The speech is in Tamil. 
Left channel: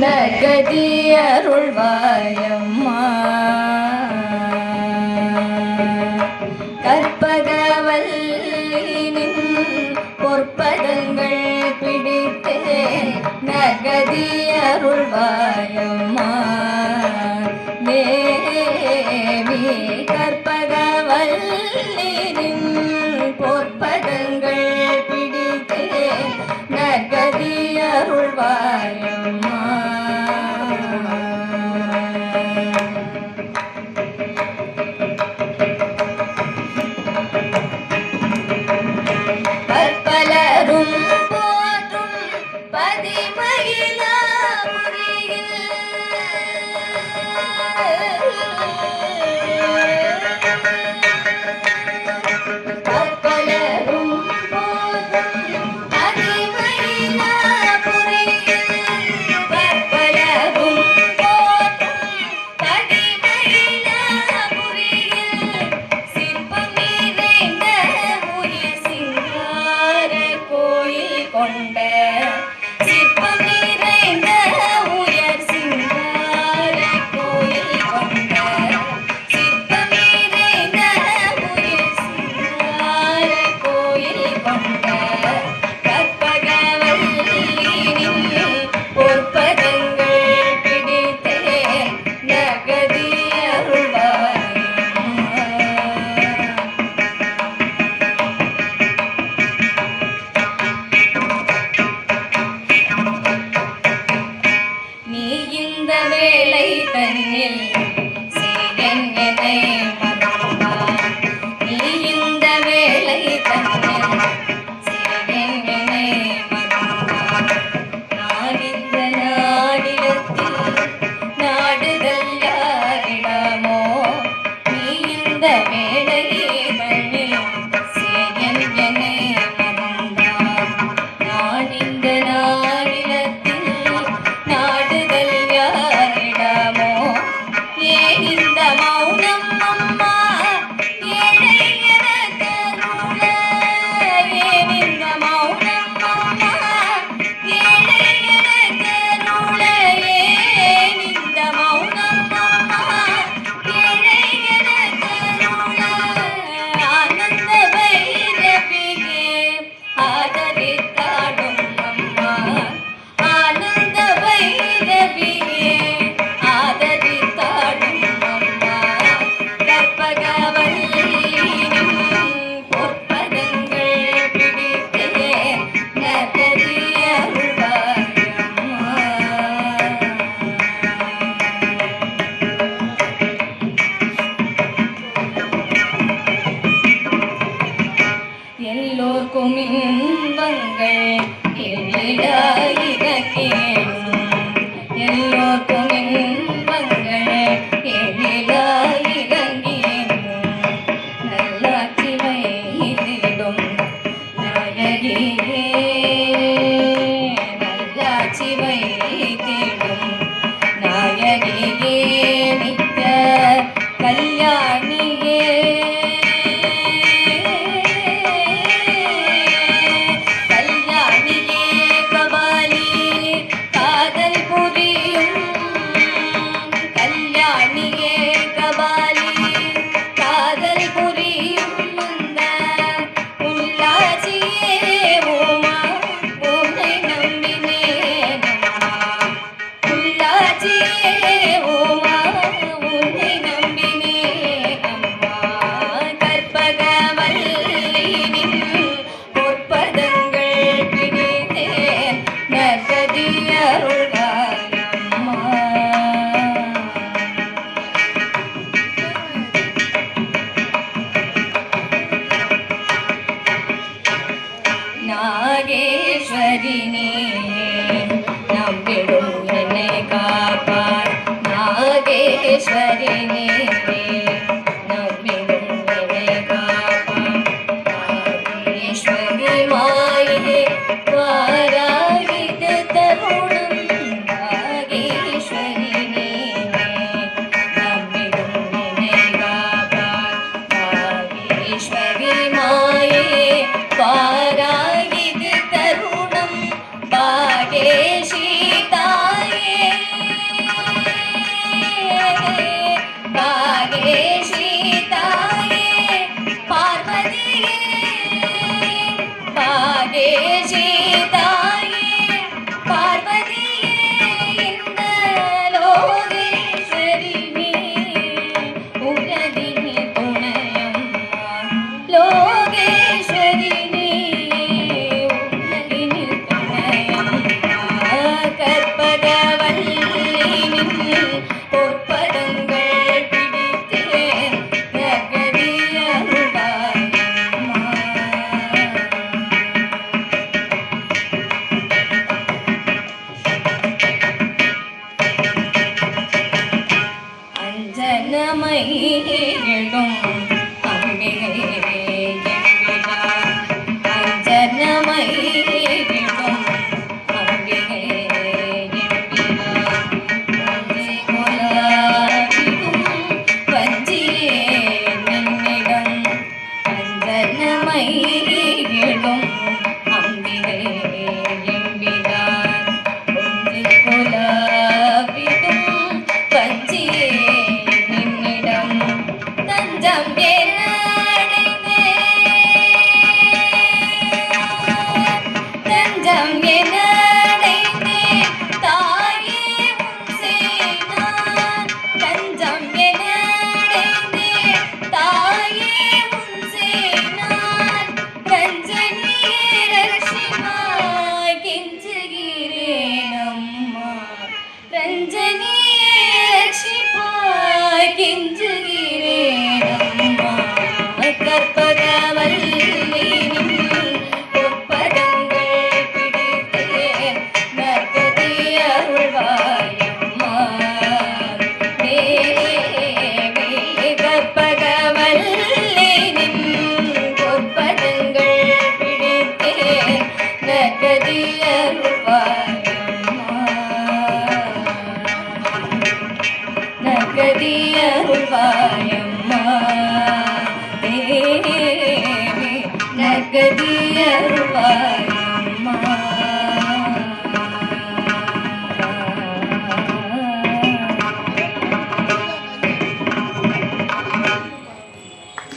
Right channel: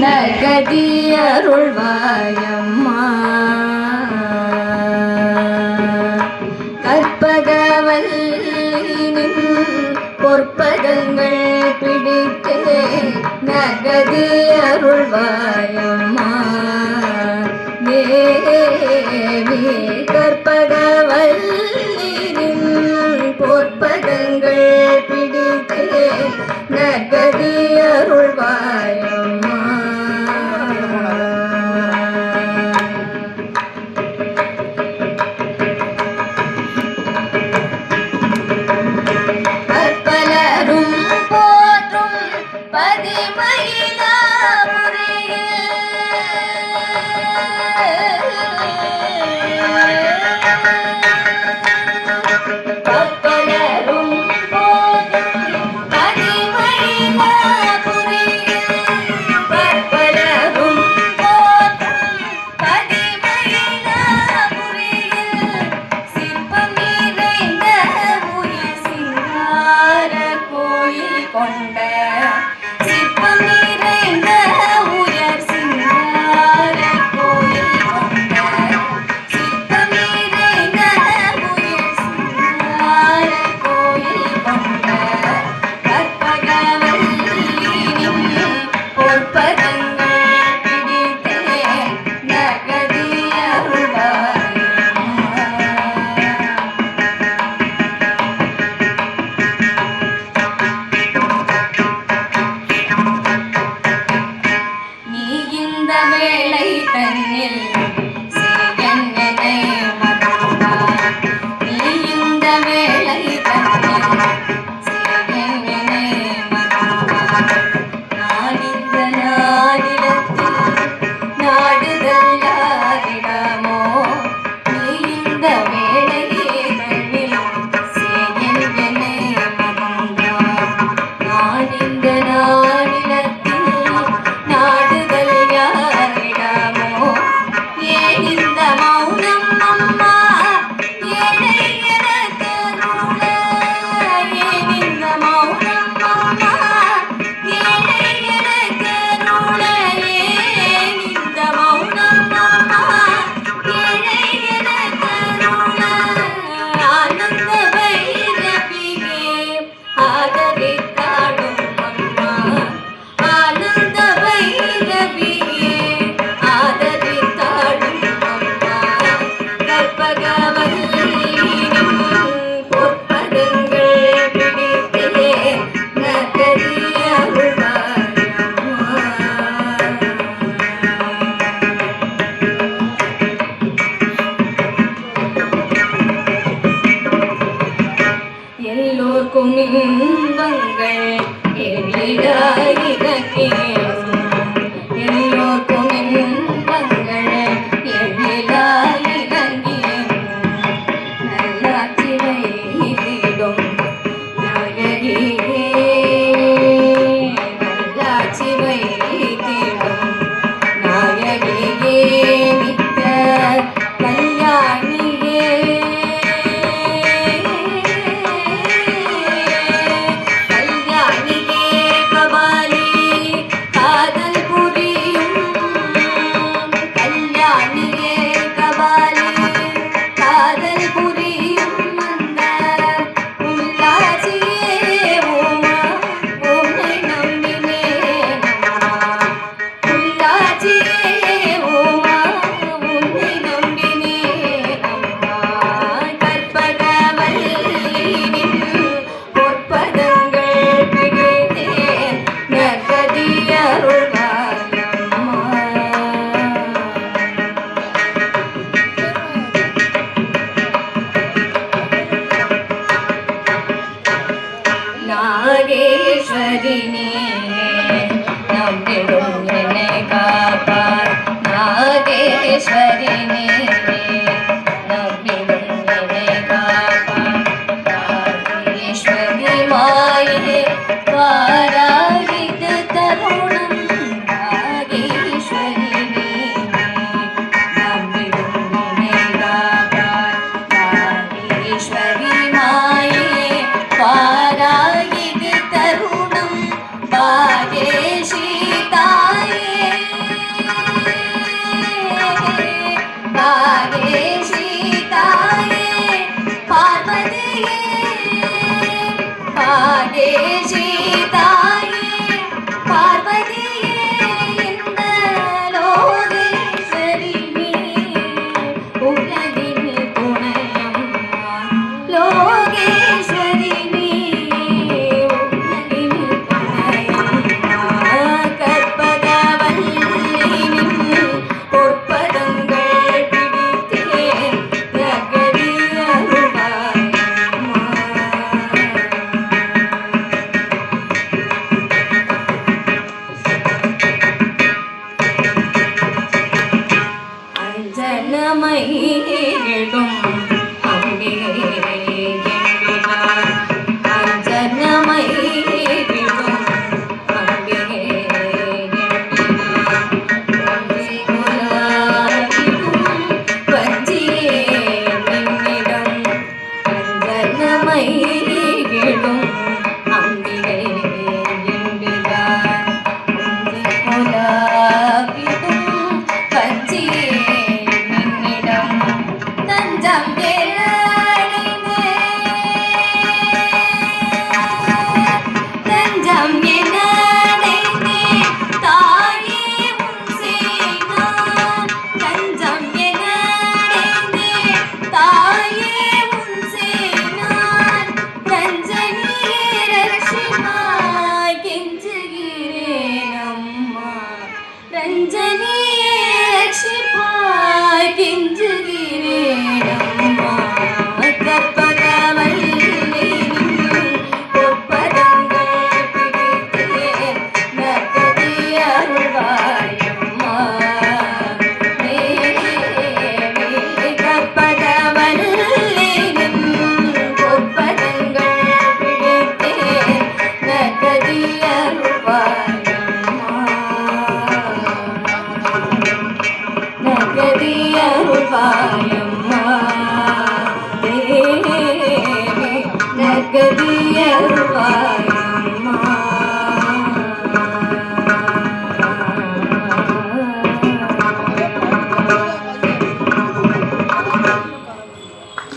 நற்கதி அருள்வாயம்மா கற்பகவல்லினின் பொற்பதங்கள் பிடித்தே நற்கதி அருள்வாயம்மா தேவி கற்பகவல்லினின் பொற்பதங்கள் பிடித்தே நற்கதி அருள்வாயம்மா பற்பலரும் போற்றும் கொண்ட சிற்பம் நிறைந்த உயர் சிங்கார கோயில் கொண்ட சிற்பம் நிறைந்த உயர் சிங்கார கோயில் கொண்ட கற்பகவல்லினின் பொற்பதங்கள் பிடித்தே நற்கதி அருள்வாயம்மா வேளை தன்னில் சேயன் என்னை மறந்தார் நீ இந்த வேளை தன்னில் சேயன் என்னை மறந்தார் நான் இந்த நாடிடத்தில் நாடுதல் யாரிடமோ நீ இந்த வேளை தன்னில் சேயன் என்னை மறந்தார் நான் இந்த நாடிடத்தில் நாடுதல் யாரிடமோ ரஞ்சனியே ரட்சிப்பாய் கெஞ்சுகிறேனம்மா கற்பகவல்லினின் பொற்பதங்கள் பிடித்தேன் நற்கதி அருள்வாயம்மா தேவி கற்பகவல்லினின் பொற்பதங்கள் பிடித்தேன் நற்கதி அருள்வாயம்மா நற்கதி அருள்வாய்